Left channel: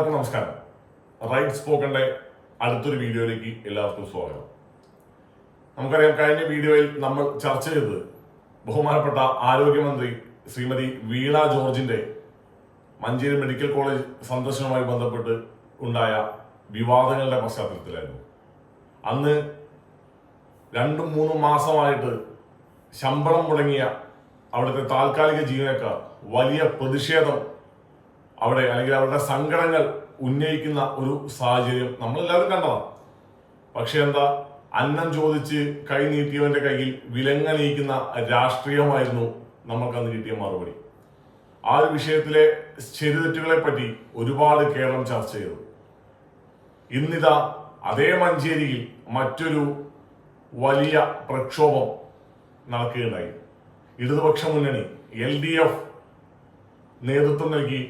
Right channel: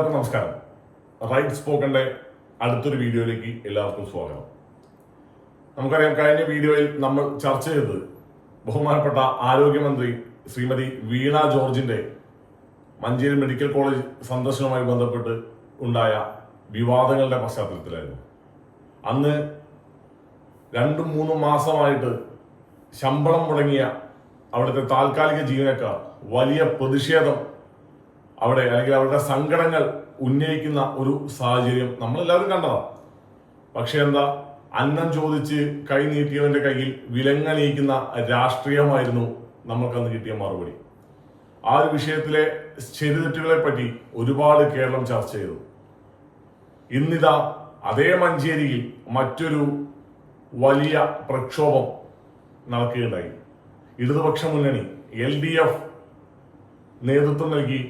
എല്ലാവർക്കും നമസ്കാരം. റൈറ്റ് സ്പോക്കന്റെ അടുത്തൊരു വീഡിയോയിലേക്ക് എല്ലാവർക്കും സ്വാഗതം. നമുക്കറിയാം കഴിഞ്ഞ വീഡിയോയിൽ നമ്മൾ ചർച്ച ചെയ്തത് ബഹുമാനപ്പെട്ട ആരോഗ്യമന്ത്രി ശ്രീമതി വീണ ജോർജിന്റെ മഞ്ചേരി മെഡിക്കൽ കോളേജ് സന്ദർശനവുമായി ബന്ധപ്പെട്ട് ഉണ്ടായ വിവാദങ്ങളുടെ പശ്ചാത്തലത്തിലായിരുന്നു. അന്ന് രണ്ടും മൂന്നും മാസമായിട്ട് ശമ്പളം മുടങ്ങിയ അവിടുത്തെ താൽക്കാലിക ജീവനക്കാർ വലിയ പ്രതിഷേധം അവിടെ അല്ലെങ്കിൽ അവരുടെ സങ്കടങ്ങൾ ഉന്നയിക്കുന്ന ഒരു സാഹചര്യം നമ്മൾ എല്ലാവരും കണ്ടതാണ് പക്ഷെ എന്താ അന്നം ചോദിച്ച് കൈ നീട്ടിയവന്റെ കയ്യിൽ വിലങ്ങണിയിക്കുന്ന രാഷ്ട്രീയമായിരുന്നു നമ്മൾക്കന്ന് കിട്ടിയ മറുപടി. ആ ഒരു വിഷയത്തിലെ ശരിതെറ്റുകളെ പറ്റി ഒരുപാട് കേരളം ചർച്ച ചെയ്തു. ഇന്നിതാ അതേ മഞ്ചേരിയിൽ മറ്റൊരു വലിയ പ്രക്ഷോഭം നടക്കുകയുണ്ടായി. ഇടതുപക്ഷ മുന്നണി എൽ ഡി എഫ് നേതൃത്വം നൽകി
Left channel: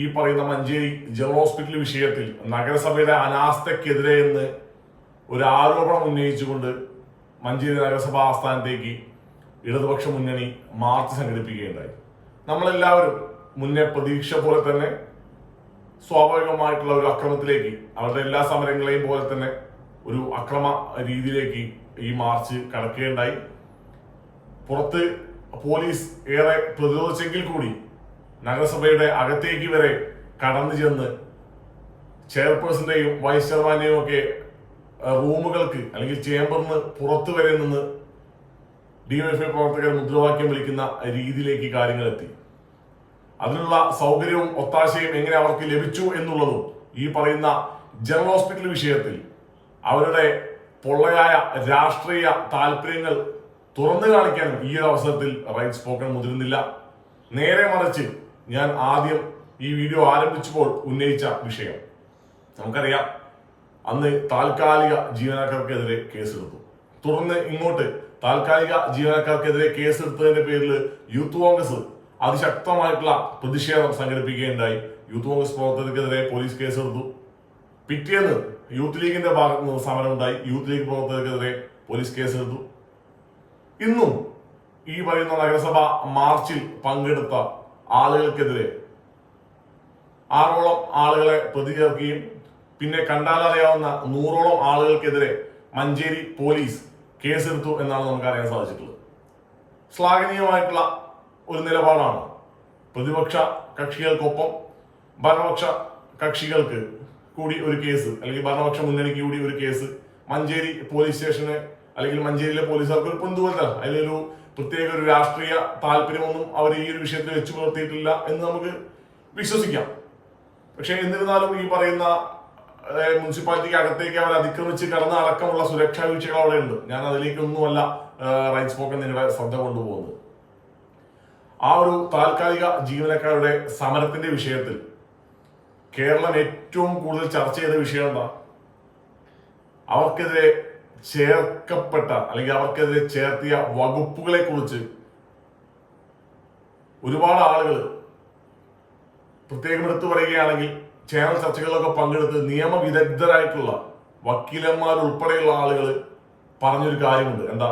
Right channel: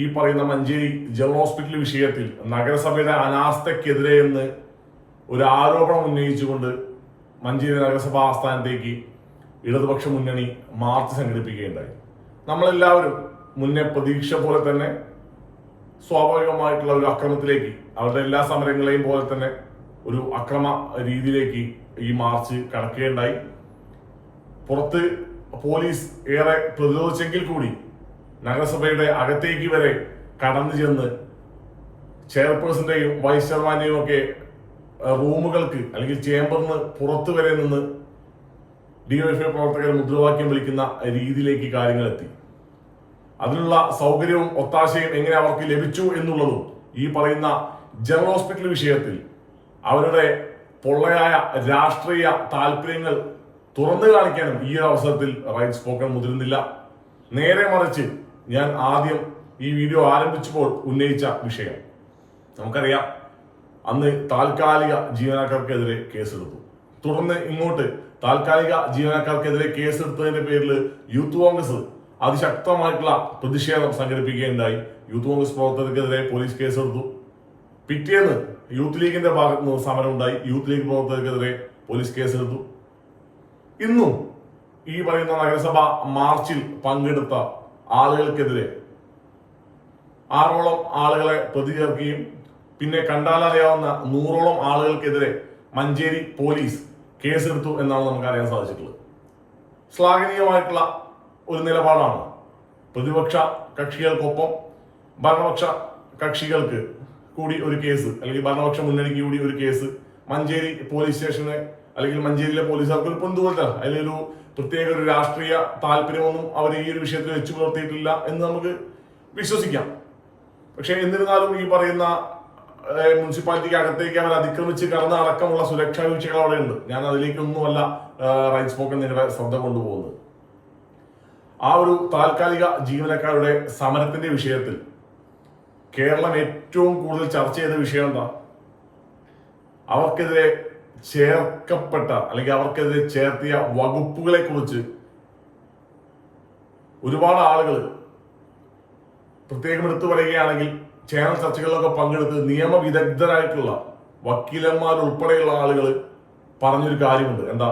ഈ പറയുന്ന മഞ്ചേരി ജനറൽ ഹോസ്പിറ്റൽ വിഷയത്തിൽ നഗരസഭയുടെ അനാസ്ഥക്കെതിരെ എന്ന് ഒരു ആരോപണം ഉന്നയിച്ചുകൊണ്ട് മഞ്ചേരി നഗരസഭ ആസ്ഥാനത്തേക്ക് ഇടതുപക്ഷ മുന്നണി മാർച്ച് സംഘടിപ്പിക്കുകയുണ്ടായി. നമ്മളെല്ലാവരും മുന്നേ പ്രതീക്ഷ പോലെ തന്നെ സ്വാഭാവികമായിട്ടുള്ള ഒരു അക്രമത്തിലേക്ക് അവരുടെ എല്ലാ സമരങ്ങളെയും പോലെ തന്നെ ഒരു അക്രമ രീതിയിലേക്ക് ഈ മാർച്ച് കടക്കുകയുണ്ടായി. പുറത്ത് പോലീസ് ഏറെ പ്രതിരോധിച്ചെങ്കിൽ കൂടി നഗരസഭയുടെ അകത്തേക്ക് വരെ കടന്നു ചെന്ന് ചെയർപേഴ്സന്റെയും വൈസ് ചെയർമാന്റെയും ഒക്കെ റൂമുകൾക്ക് അല്ലെങ്കിൽ ചേംബറിന് പുറത്തു വരെ നിന്ന് ഡിവൈഎഫ്ഐ പ്രവർത്തകർ മുദ്രാവാക്യം വിളിക്കുന്ന രീതിയിലേക്ക് കാര്യങ്ങൾ എത്തി. അതിനുള്ള സൗകര്യവും ഒത്താശയും എങ്ങനെ അവർക്ക് ലഭിച്ചു എന്നുള്ളതും ഈ പറയുന്ന ജനറൽ ഹോസ്പിറ്റൽ വിഷയത്തിൽ അവരുടെ പൊള്ളയായ രാഷ്ട്രീയ താല്പര്യങ്ങൾ തുറന്നു കാണിക്കാനും ഈ ഒരു അവസരത്തിൽ റൈറ്റ് സ്പോക്കൺ മുതിരുന്നില്ല. നേരെ മറിച്ച് ഞാൻ ആദ്യം ഈ വീഡിയോ ആരംഭിച്ചപ്പോൾ ഉന്നയിച്ച വിഷയം. നമുക്കറിയാം അന്ന് താൽക്കാലിക ജീവനക്കാർക്കെതിരെ കേസെടുത്തു. തുടർന്ന് ഇങ്ങോട്ട് താൽക്കാലിക ജീവനക്കാർക്കെതിരെ കേസെടുത്തതിന്റെ പേരിൽ യൂത്ത് കോൺഗ്രസ് അതിശക്തമായിട്ടുള്ള പ്രതിഷേധം സംഘടിപ്പിക്കുകയുണ്ടായി. യൂത്ത് കോൺഗ്രസ് പ്രവർത്തകർക്കെതിരെ പോലീസ് കേസെടുത്തു. പിറ്റേന്ന് യൂത്ത് ലീഗിന്റെ ഭാഗത്ത് നിന്ന് സമരം ഉണ്ടായി യൂത്ത് ലീഗ് പ്രവർത്തകർക്കെതിരെ പോലീസ് കേസെടുത്തു. ഇന്നും ഈ പറയുന്ന നഗരസഭ മാർച്ചിൽ പങ്കെടുത്ത ആളുകൾക്കെതിരെ. ആറോളം ആളുകളെ പ്രതി ചേർക്കുകയും പിന്നെ കണ്ടാലറിയാവുന്ന നൂറോളം ആളുകൾക്കെതിരെ മഞ്ചേരി പോലീസ് കേസെടുത്തു എന്നാണ് നമുക്ക് അറിയാൻ സാധിച്ചിട്ടുള്ളത്. ശ്ലാഘനീയമായിട്ടുള്ള ഒരു നിലപാടാണ് പ്രതിപക്ഷ കക്ഷികൾക്കൊപ്പം ഭരണപക്ഷ കക്ഷികൾക്ക് കൂടി ഒരു കേസ് അല്ലെങ്കിൽ ഭരണപക്ഷ മുന്നണിക്ക് കൂടി ഒരു കേസ് മഞ്ചേരി പോലീസ് സ്റ്റേഷനെ അല്ലെങ്കിൽ മഞ്ചേരിയിലെ പോലീസുകാർക്ക് ഒരു പൊന്തുപോലത്തെ അതിലൊരു പ്രത്യേക ഒരു രാഷ്ട്രീയ താല്പര്യമൊന്നും അവർ ഈ ഒരു വിഷയത്തിൽ വെച്ചു പുലർത്തിയിട്ടില്ല എന്ന് നമുക്ക് വിശ്വസിക്കാം. പക്ഷേ എന്നിരുന്നാലും ഈ പറയുന്ന മുനിസിപ്പാലിറ്റിക്ക് അകത്തേക്ക് അവർ അതിക്രമിച്ച് കടന്ന അടക്കമുള്ള സുരക്ഷാ വീഴ്ചകൾ അവിടെ ഉണ്ട് ഞാൻ അതിലേക്കൊന്നുമല്ല റൈറ്റ് സ്പോക്കൺ നിങ്ങളുടെ ശ്രദ്ധ കൊണ്ടുപോകുന്നത്. ആ ഒരു താൽക്കാലിക ജീവനക്കാരുടെ സമരത്തിന്റെ വിഷയത്തിൽ കേരളം ഏറ്റവും കൂടുതൽ ചർച്ച ചെയ്ത വിഷയം എന്താ? അവർക്കെതിരെ ചേർക്കപ്പെട്ട അല്ലെങ്കിൽ അവർക്കെതിരെ ചേർത്തിയ വകുപ്പുകളെ കുറിച്ച് ഒരുപാട് ആളുകൾ പ്രത്യേകം എടുത്തു പറയുകയാണെങ്കിൽ ചാനൽ ചർച്ചകളിലൊക്കെ പങ്കെടുത്ത് നിയമവിദഗ്ധരായിട്ടുള്ള വക്കീലന്മാർ ഉൾപ്പെടെയുള്ള ആളുകൾ പറഞ്ഞൊരു കാര്യമുണ്ട്. എന്താ?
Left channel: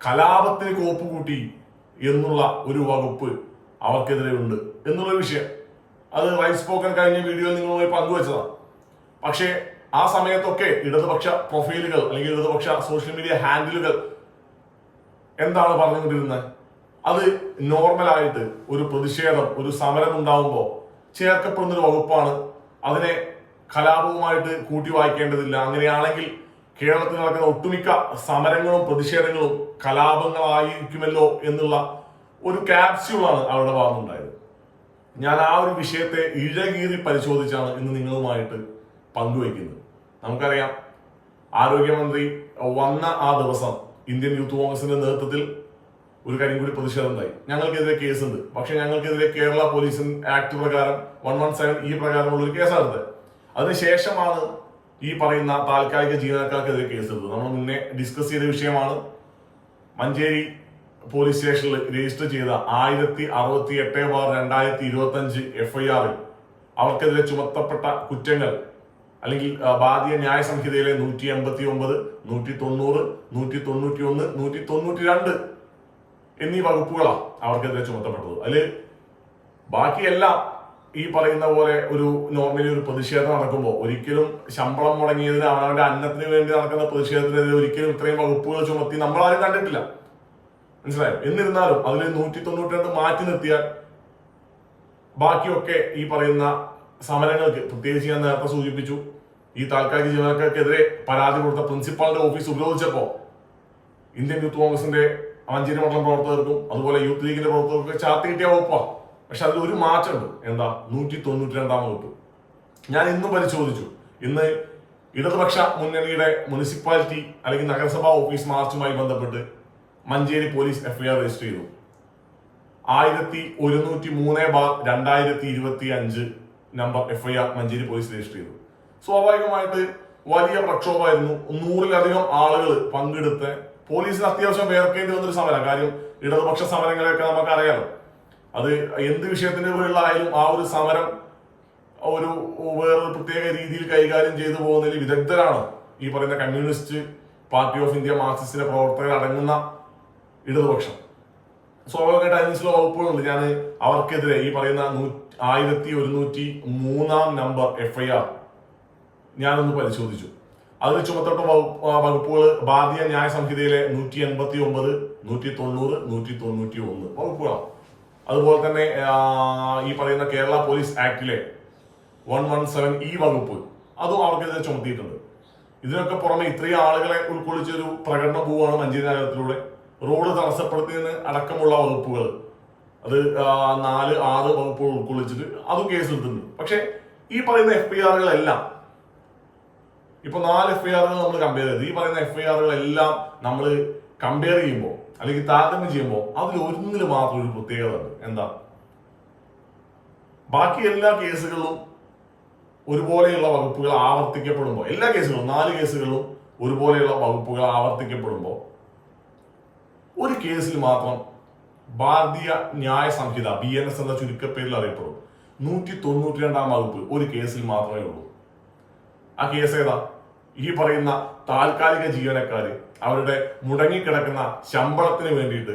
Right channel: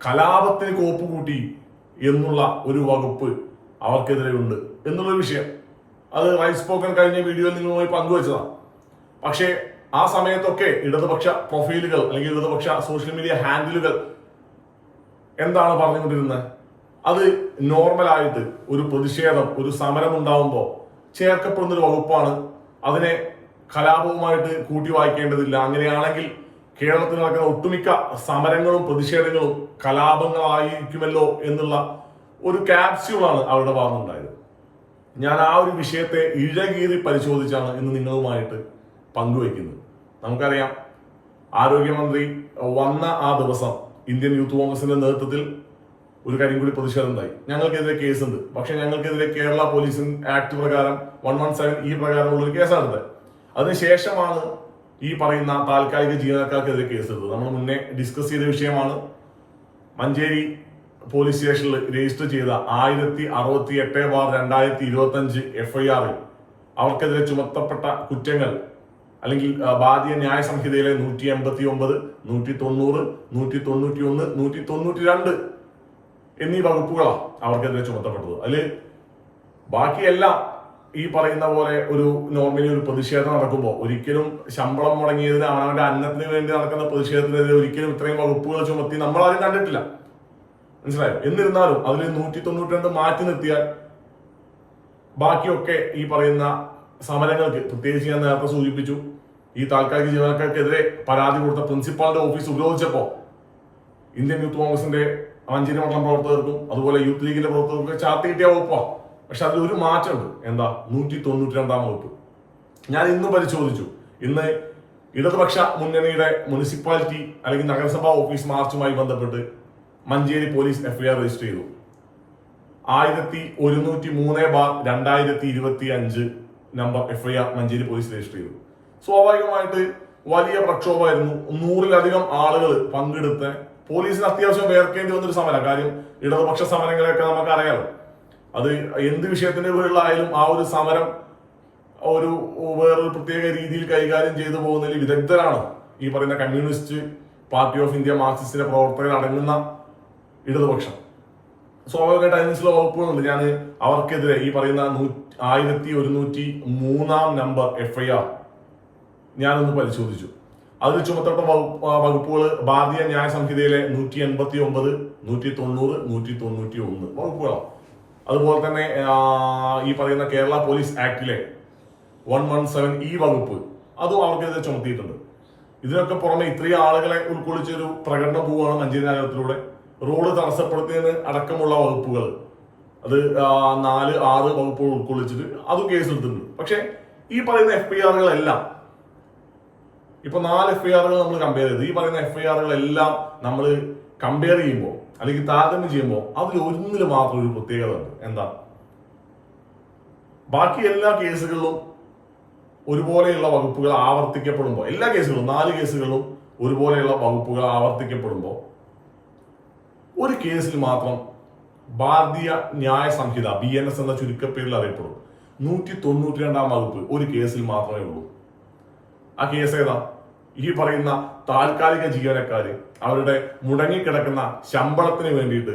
കലാപത്തിന് കോപ്പ് കൂട്ടി എന്നുള്ള ഒരു വകുപ്പ് അവർക്കെതിരെ ഉണ്ട് എന്നുള്ള വിഷയം. അത് റൈസ് പോക്കൻ കഴിഞ്ഞ വീഡിയോയിൽ നിങ്ങൾ പോയി പങ്കുവച്ചതാണ്. പക്ഷേ ആ സമയത്തൊക്കെ ഇടതുപക്ഷ പ്രൊഫൈലുകൾ അല്ലെങ്കിൽ ഇടതുപക്ഷ സോഷ്യൽ മീഡിയ ഹാൻഡിലുകൾ എന്താണ് പറഞ്ഞുകൊണ്ടിരുന്നത്? അത് നോർമലായിട്ട് ഒരു പ്രതിഷേധം ഒരു സമരം ഉണ്ടാവുമ്പോൾ ചേർക്കപ്പെടുന്ന ഒരു വകുപ്പാണ്. അതിനെ കലാപവുമായിട്ട് കൂട്ടി വായിക്കേണ്ടതില്ല. അങ്ങനെയാണെങ്കിൽ കേരളത്തിൽ നടക്കുന്ന ഒട്ടുമിക്ക സമരങ്ങളും പ്രതിഷേധങ്ങളും കലാപങ്ങളായിരിക്കുമല്ലോ എന്നുള്ള ഒരു ക്യാപ്സ്യൂളാണ് അവരുടെ ഭാഗത്തുണ്ടായത് ഞാൻ ആ ഒരു വിഷയത്തെ ഇഴകീറി പരിശോധിച്ചാണ് ഇന്ന് നിങ്ങളുമായിട്ട് പങ്കുവയ്ക്കുന്നത്. നമുക്കറിയാം ആരോഗ്യമന്ത്രി വന്ന ആ ദിവസം ഇന്ത്യൻ യൂത്ത് കോൺഗ്രസിന്റെ നേതൃത്വത്തിൽ ഒരു കാര്യം കൂടി പ്രതിഷേധം ഉണ്ടായി ഞങ്ങൾക്കെതിരെ കേസുണ്ട്. പക്ഷെ ഞങ്ങൾക്കെതിരെ കേരള പോലീസ് ആക്ട് പ്രകാരം വൺ വൺ സെവൻ ഈ പ്രകാരമുള്ള ഒരു കേസാണ് എടുത്തത് അതിനുശേഷമാണ് ഈ പറയുന്ന താൽക്കാലിക ജീവനക്കാർക്കെതിരെ കേസെടുത്തത്. നമ്മൾ മുന്നേ ഡിസ്കസ് ചെയ്ത വിഷയമാണ്. മഞ്ചേരി പോലീസ് സ്റ്റേഷനിൽ രജിസ്റ്റർ ചെയ്ത ആയിരത്തി അറുപത്തി എട്ട് ബാർ രണ്ടായിരത്തി ഇരുപത്തി അഞ്ച് എഫ്ഐആറിൽ അവർക്കെതിരെ ചുമത്തപ്പെട്ട കുറ്റങ്ങൾ അല്ലെങ്കിൽ ആ, ബാധ്യ ന്യായ സംഹിതയിലെ നൂറ്റി എൺപത്തി ഒമ്പത് നൂറ്റി തൊണ്ണൂറ് നൂറ്റി തൊണ്ണൂറ്റി ഒന്ന് നൂറ്റി തൊണ്ണൂറ്റി രണ്ട് എന്നീ വകുപ്പുകളാണ് അവർക്കെതിരെ ചുമത്തപ്പെട്ടത്. അതിൽ ബാക്കിയെല്ലാം ഈ പറയുന്ന പോലെ ഒരു നോർമലി ഒരു പ്രതിഷേധം നടക്കുമ്പോൾ ഒരിക്കലും ശമ്പളം മുടങ്ങിയതിന് അവനവന്റെ അന്നത്തിന് വേണ്ടി നടക്കുന്ന പ്രതിഷേധത്തിനെതിരെ ഒരിക്കലും ഇത്രയും വകുപ്പുകൾ ചുമത്തി നമ്മൾ ആരും കണ്ടിട്ടില്ല. മനസ്സിലായോ? എന്നിരുന്നാലും അതിൽ നൂറ്റി തൊണ്ണൂറ്റി രണ്ട് മാറ്റി നിർത്തിയാൽ ബാക്കിയൊക്കെ ഈ പറയുന്ന സമരങ്ങൾക്ക് പ്രത്യേകിച്ച് ഞാൻ നേരത്തെ സൂചിപ്പിച്ചു ഈ താൽക്കാലിക ജീവനക്കാർക്കെതിരെ പരാതി കൊടുത്ത പ്രിൻസിപ്പാളിന്റെ ഓഫീസ് ഉപരോധിച്ചപ്പോൾ ഇന്ത്യൻ യൂത്ത് കോൺഗ്രസിന്റെ മഞ്ചേരി മണ്ഡലം പ്രവർത്തകർക്കും അതുപോലെ യൂത്ത് ലീഗിന്റെ പ്രവർത്തകർക്കും ചാർത്തി കിട്ടിയ വകുപ്പാണ് പക്ഷെ അതിൽ ഒരു മാറ്റമുണ്ട്. എന്താ? നൂറ്റി തൊണ്ണൂറ്റി രണ്ടാം വകുപ്പ്. ഞാൻ ഇന്നും പരിശോധിച്ചു. ഇന്ന് ഇടതുപക്ഷ മുന്നണിയുടെ മുനിസിപ്പാലിറ്റി അല്ലെങ്കിൽ നഗരസഭാ ഓഫീസ് മാർച്ചുമായി ബന്ധപ്പെട്ട് മഞ്ചേരി പോലീസ് എഫ്ഐആർ രജിസ്റ്റർ ചെയ്തു. ആയിരത്തി ഒരുന്നൂറ്റി മൂന്ന് ബാർ രണ്ടായിരത്തി ഇരുപത്തി അഞ്ച് number FIR Manjeri police register ചെയ്തു. സ്വാഭാവികമായിട്ട് വലിയ പ്രക്ഷോഭമായിരുന്നു. നൂറിലധികം ആളുകൾ പങ്കെടുത്ത് പോലീസിന് അത്യാവശ്യം വേർക്കേണ്ടി വന്നൊരു സമരം കാര്യം ഇടതുപക്ഷ സമരങ്ങളെയൊക്കെ നമുക്ക് അറിയാലോ അത് എന്ത് വിഷയത്തിന്റെ പേരിലായാലും ആ ഒരു സമരം ഒരു വേറൊരു പ്രത്യേക രീതിയിൽ കൈകാര്യം ചെയ്തു പോകുന്നതിൽ വിദഗ്ധരാണ് ഈ പറയുന്ന കമ്മ്യൂണിസ്റ്റ് പാർട്ടി ഓഫ് ഇന്ത്യ മാർക്സിസ്റ്റിന്റെ പ്രവർത്തകർ അടങ്ങുന്ന ഇടതുപക്ഷം. സ്വാഭാവികമായിട്ട് അതിന് ചില വകുപ്പുകളുണ്ട്. ഞാൻ അവർക്കെതിരെ ഈ പറയുന്ന നൂ ആയിരത്തി ഒരുന്നൂറ്റി മൂന്നാം നമ്പർ എഫ് ഐ ആർ ഞാനൊന്ന് പരിശോധിച്ചു. അതിൽ ചുമത്തപ്പെട്ട വകുപ്പ് വകുപ്പുകൾ ഭാരതീയ ന്യായ സംഹിതയിലെ നൂറ്റി എൺപത്തി ഒമ്പത് നൂറ്റി തൊണ്ണൂറ് നൂറ്റി തൊണ്ണൂറ്റി ഒന്ന് വകുപ്പുകളാണ് അതുപോലെ തന്നെ ഈ പറയുന്ന കേരള പോലീസ് ആക്ടിലെ വൺ വൺ സെവൻ ഈ വകുപ്പ് അതും അവർക്കെതിരെ ചുമത്തിയിട്ടുണ്ട്. ഇതിനൊക്കെ പുറമെ ഇത്രയും ആളുകളെ ഉൾക്കൊള്ളിച്ചൊരു പ്രകടന പോവുകയാണ് മഞ്ചേരി നഗരത്തിലൂടെ. റോഡ് തടസ്സപ്പെടുത്തിയതിന് അടക്കമുള്ള വകുപ്പുകൾ അത് നാല് ആറ് വകുപ്പുകൾ ഉൾക്കൊള്ളിച്ചിട്ട് അതും കേസെടുത്തിട്ടുണ്ട്. പക്ഷെ ഈ പറയുന്ന എഫ് ഐ ആറുകളെല്ലാം ഇപ്പൊ നാല് എഫ് ഐ ആറുകൾ നമ്മൾ കമ്പയർ ചെയ്ത്. ഈ പറയുന്ന എഫ് ഐ ആറുകളെല്ലാം നമ്മൾ കമ്പയർ ചെയ്യുമ്പോൾ അല്ലെങ്കിൽ താരതമ്യം ചെയ്യുമ്പോൾ അതിൽ ഒന്നിൽ മാത്രം ഒരു പ്രത്യേകത ഉണ്ട്. എന്താ? ബാക്കി എല്ലാ കേസുകളിലും ഒരുപോലെയുള്ള വകുപ്പുകൾ ആവർത്തിക്കപ്പെടുമ്പോൾ എല്ലാ കേസുകളും നാല് കേസുകളിലും ഒരുപോലെയുള്ള വകുപ്പുകൾ ആവർത്തിക്കപ്പെടുമ്പോൾ ഒരു കേസിൽ മാത്രം ഭാരതീയ ന്യായ സംഹിത ബി എൻ എസ് എന്ന ചുരുക്കപ്പേരിൽ അറിയപ്പെടും. നൂറ്റി തൊണ്ണൂറ്റി രണ്ടാം വകുപ്പ് ഒരു കേസിൽ മാത്രമേ ഉള്ളൂ. ആ കേസ് ഏതാ? ഈ പറയുന്ന താൽക്കാലിക ജീവനക്കാര് അവരുടെ മുടങ്ങിക്കിടക്കുന്ന ശമ്പളത്തിന് വേണ്ടിയിട്ട്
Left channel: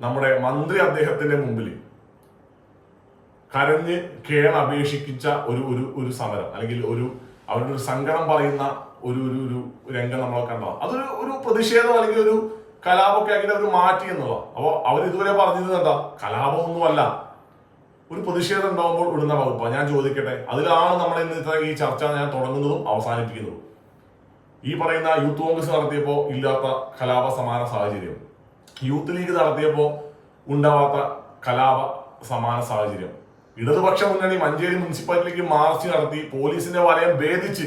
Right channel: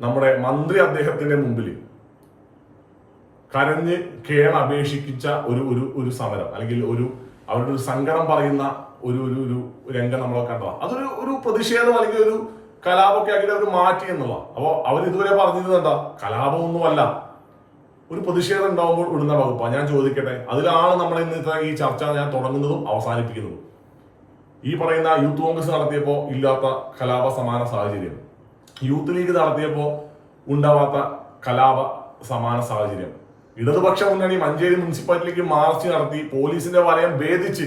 നമ്മുടെ മന്ത്രി അദ്ദേഹത്തിന്റെ മുമ്പിൽ കരഞ്ഞ് കേൾ അപേക്ഷിക്കിച്ച ഒരു ഒരു ഒരു സമരം അല്ലെങ്കിൽ ഒരു അവരുടെ ഒരു സങ്കടം പറയുന്ന ഒരു ഒരു ഒരു രംഗം നമ്മളൊക്കെ കണ്ടതാണ്. അതൊരു ഒരു പ്രതിഷേധം അല്ലെങ്കിൽ ഒരു കലാപമൊക്കെ ആക്കിയിട്ട് അവർ മാറ്റി എന്നുള്ള. അപ്പോൾ അവർ ഇതുവരെ പറഞ്ഞത് എന്താ? കലാപമൊന്നുമല്ല. ഒരു പ്രതിഷേധം ഉണ്ടാവുമ്പോൾ ഇടുന്ന വകുപ്പാണ് ഞാൻ ചോദിക്കട്ടെ. അതിലാണ് നമ്മൾ ഇന്ന് ഈ ചർച്ച ഞാൻ തുടങ്ങുന്നതും അവസാനിപ്പിക്കുന്നതും. ഈ പറയുന്ന യൂത്ത് കോൺഗ്രസ് നടത്തിയപ്പോൾ ഇല്ലാത്ത കലാപ സമാന സാഹചര്യം. യൂത്ത് ലീഗ് നടത്തിയപ്പോൾ ഉണ്ടാവാത്ത കലാപ സമാന സാഹചര്യം. ഇടതുപക്ഷ മുന്നണി മഞ്ചേരി മുനിസിപ്പാലിറ്റിക്ക് മാർച്ച് നടത്തി പോലീസിന്റെ വലയം ഭേദിച്ച്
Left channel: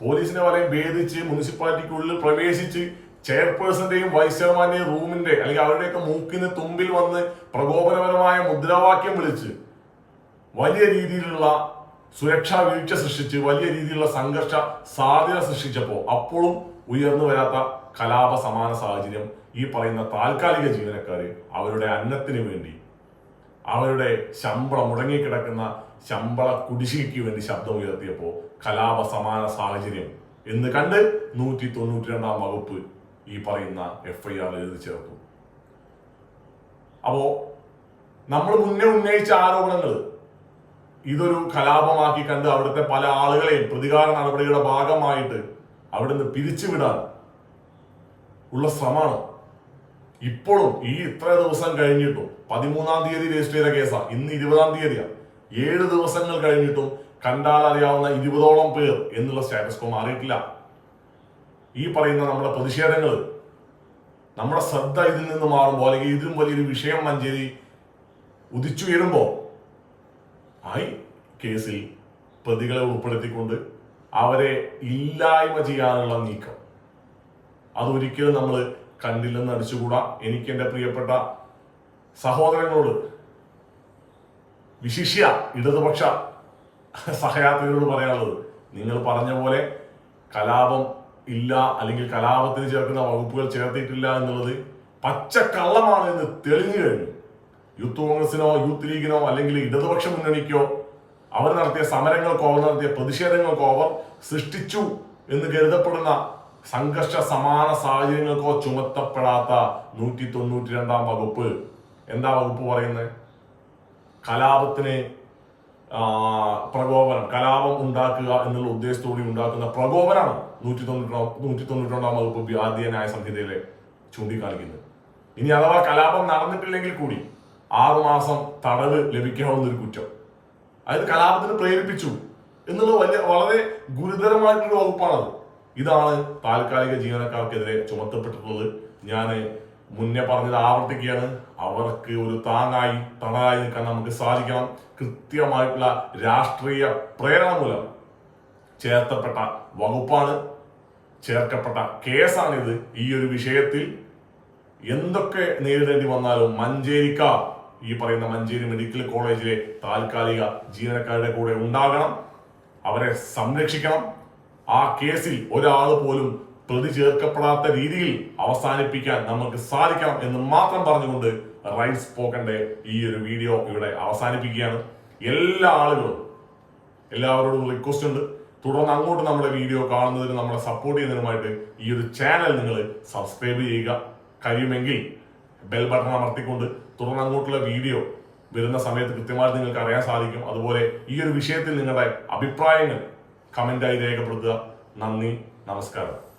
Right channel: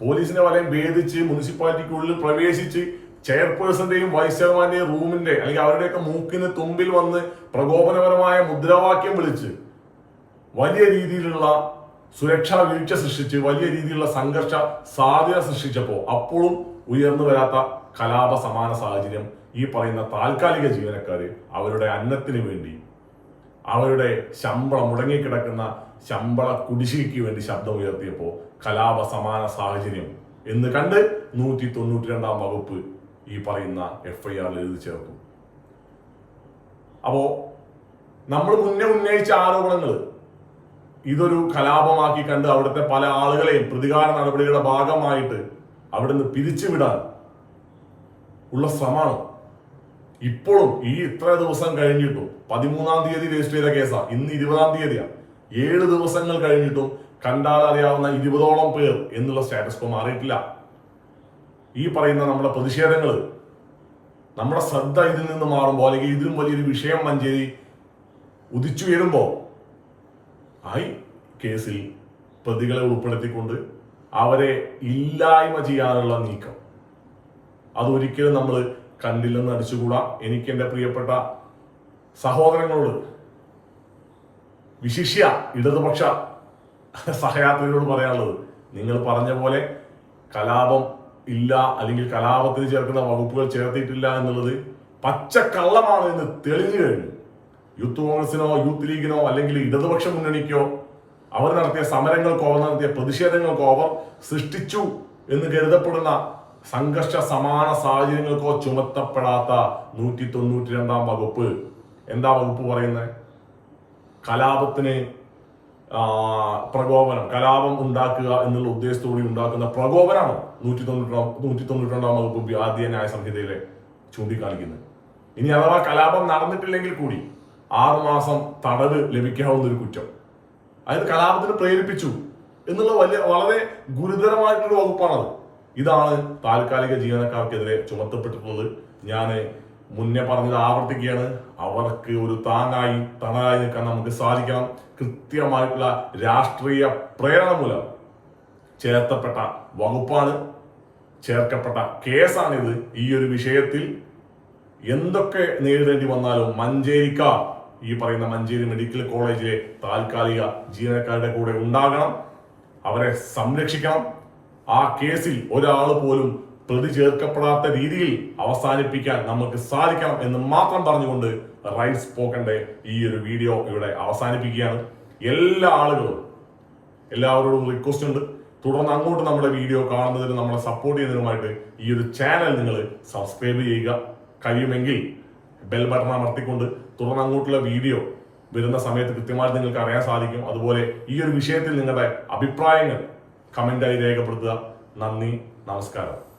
പോലീസിന്റെ വലയം ഭേദിച്ച് മുനിസിപ്പാലിറ്റിക്കുള്ളിൽ പ്രവേശിച്ച് ചെയർപേഴ്സന്റെയും വൈസ് ചെയർമാന്റെയും റൂമിന്റെ അല്ലെങ്കിൽ അവരുടെയൊക്കെ മൂക്കിന് തുമ്പിൽ വന്ന് പ്രകോപനപരമായ മുദ്രാവാക്യം വിളിച്ച് വലിയ രീതിയിലുള്ള സുരക്ഷാ വീഴ്ച സൃഷ്ടിച്ച് വലിയ രീതിയിലുള്ള സംഘർഷ സാധ്യത സൃഷ്ടിച്ചപ്പോൾ അപ്പോഴും ഉയർന്നു വരാത്ത കലാപ സമാന സാഹചര്യം ഈ പറയുന്ന താൽക്കാലിക ജീവനക്കാർ അവരുടെ അന്നത്തിന് വേണ്ടി അവരുടെ ശമ്പളം മുടങ്ങിക്കിടക്കുന്ന ശമ്പള കുടിശ്ശിക്ക് വേണ്ടി ശബ്ദം ഉയർത്തിയപ്പോൾ കലാപ സമാന സാഹചര്യം എന്ന് കണ്ട് നൂറ്റി തൊണ്ണൂറ്റി രണ്ടാം വകുപ്പ് ഈ പറയുന്ന എഫ് ഐ ആറിൽ എഴുതി ചേർത്തു. അപ്പോ നമ്മൾ മുന്നേ ഉന്നയിച്ച ആരോപണങ്ങൾ ഇതൊരു കലാപമാക്കി കണ്ട് അവിടുത്തെ പല ആളുകളെയും പ്രതികാര നടപടികളുടെ ഭാഗമായിട്ട് അവിടുന്ന് പിരിച്ചുവിടാൻ ഉള്ള ശ്രമമാണ്. ഇപ്പോഴും ഈ ഇത്ര ദിവസം കഴിഞ്ഞിട്ടും പതിമൂന്നാം തീയതി രജിസ്റ്റർ ചെയ്ത കേസാണ് ഇന്ന് ഇരുപതാം തീയതിയാണ് ഏഴ് ദിവസങ്ങൾ കഴിഞ്ഞിട്ടും കണ്ടാൽ അറിയാവുന്ന ഇരുപതോളം പേർ എന്നുള്ള സ്റ്റാറ്റസ് കോ മാറിയിട്ടില്ല ഈ പറയുന്ന നമ്മുടെ പ്രതിഷേധങ്ങൾ നമ്മുടെ ശ്രദ്ധ ഇതിൽ നിന്ന് മാറുമ്പോൾ അല്ലെങ്കിൽ ഇതിലും വലിയൊരു വിഷയം മഞ്ചേരി ഉദിച്ചുയരുമ്പോൾ ആയി കേസിൽ പ്രതികളെ ഉൾപ്പെടുത്തിക്കൊണ്ട് അവരെ ഇല്ലായ്മ ചെയ്യാനുള്ള നീക്കം. അതൊരിക്കലും നമ്മൾ കണ്ടില്ലെന്ന് അടിച്ചുകൂടാ. എനിക്ക് എന്റെ പ്രിയപ്പെട്ട സഹോദരങ്ങളോട് വിശിഷ്യ ഇടതുപക്ഷ സഹയാത്രികരോട് പറയാനുള്ളത് നിങ്ങൾ പറഞ്ഞ പോലെ കലാപം ഇല്ല അല്ലെങ്കിൽ കലാപത്തിന് ചേർക്കുന്ന വകുപ്പുകൾ ചേർത്തിട്ടില്ല എന്നുള്ളത് പച്ചക്കള്ളമാണ് എന്ന് തെളിഞ്ഞു കഴിഞ്ഞു. യൂത്ത് കോൺഗ്രസിനോ യൂത്ത് ലീഗിനോ അല്ലെങ്കിൽ ഇടതുപക്ഷ മുന്നണിക്കോ അവർ നടത്തിയ സമരങ്ങൾക്കോ അവർ നടത്തിയ പ്രതിഷേധങ്ങൾക്കോ അവർ സൃഷ്ടിച്ചു എന്ന് കരുതപ്പെടുന്ന സംഘർഷ സമാന സാഹചര്യങ്ങൾക്കോ ചുമത്തപ്പെടാത്ത നൂറ്റി തൊണ്ണൂറ്റി രണ്ടാം വകുപ്പ്. എന്താ വകുപ്പ് പറയുന്നത്? കലാപത്തിന് പ്രകോപനം കലാപം ഉണ്ടാക്കുക എന്നുള്ള ഉദ്ദേശത്തോടെ ഉണ്ടാക്കുന്ന പ്രകോപനമാണ്. നൂറ്റി തൊണ്ണൂറ്റി നൂറ്റി തൊണ്ണൂറ്റി വകുപ്പ് ആദ്യ ന്യായ സംഹിതയിലെ ചൂണ്ടിക്കാണിക്കുന്നത്. ഇനി അഥവാ കലാപം നടന്നിട്ടില്ലെങ്കിൽ കൂടി ആറുമാസം തടവ് ലഭിക്കാവുന്ന ഒരു കുറ്റം. അതായത് കലാപത്തിന് പ്രേരിപ്പിച്ചു എന്നുള്ള വലിയ വളരെ ഗുരുതരമായിട്ടുള്ള വകുപ്പാണത്. ഇതാണ് താൽക്കാലിക ജീവനക്കാർക്കെതിരെ ചുമത്തപ്പെട്ടിട്ടുള്ളത്. ഞാൻ മുന്നേ പറഞ്ഞത് ആവർത്തിക്കുകയാണ്. അവർക്ക് ഒരു താങ്ങായി തണലായി നിൽക്കാൻ നമുക്ക് സാധിക്കണം. കൃത്യമായിട്ടുള്ള രാഷ്ട്രീയ പ്രേരണ മൂലം ചേർത്തപ്പെട്ട വകുപ്പാണ് ചേർക്കപ്പെട്ട കേസാണിത്. ഈ ഒരു വിഷയത്തിൽ എന്തൊക്കെ നേരിടേണ്ടി വന്നാലും മഞ്ചേരിക്കാർ ഈ പറയുന്ന മഞ്ചേരി മെഡിക്കൽ കോളേജിലെ താൽക്കാലിക ജീവനക്കാരുടെ കൂടെ ഉണ്ടാകണം. അവരെ സംരക്ഷിക്കണം. ആ കേസിൽ ഒരാൾ പോലും പ്രതി ചേർക്കപ്പെടാത്ത രീതിയിൽ അവസാനിപ്പിക്കാൻ നമുക്ക് സാധിക്കണം എന്ന് മാത്രം പറഞ്ഞുകൊണ്ട് റൈറ്റ് പോക്കന്റെ ഈ ഒരു വീഡിയോ ഇവിടെ അവസാനിപ്പിക്കുകയാണ്. എല്ലാ ആളുകളും എല്ലാവരോടും റിക്വസ്റ്റ് ഉണ്ട്. തുടർന്ന് അങ്ങോട്ട് നമ്മുടെ വീഡിയോ കാണുന്നതിനും നമ്മളെ സപ്പോർട്ട് ചെയ്യുന്നതിനുമായിട്ട് ഈ ഒരു ചാനൽ നിങ്ങൾ സബ്സ്ക്രൈബ് ചെയ്യുക. കഴിയുമെങ്കിൽ ബെൽ ബട്ടൺ അമർത്തിക്കൊണ്ട് തുടർന്ന് അങ്ങോട്ടുള്ള വീഡിയോ വരുന്ന സമയത്ത് കൃത്യമായിട്ട് നിങ്ങൾക്ക് അറിയാൻ സാധിക്കും. അതുപോലെ ഈ ഒരു വിഷയത്തിൽ നിങ്ങളുടെ അഭിപ്രായങ്ങൾ കമന്റായി രേഖപ്പെടുത്തുക. നന്ദി നമസ്കാരം.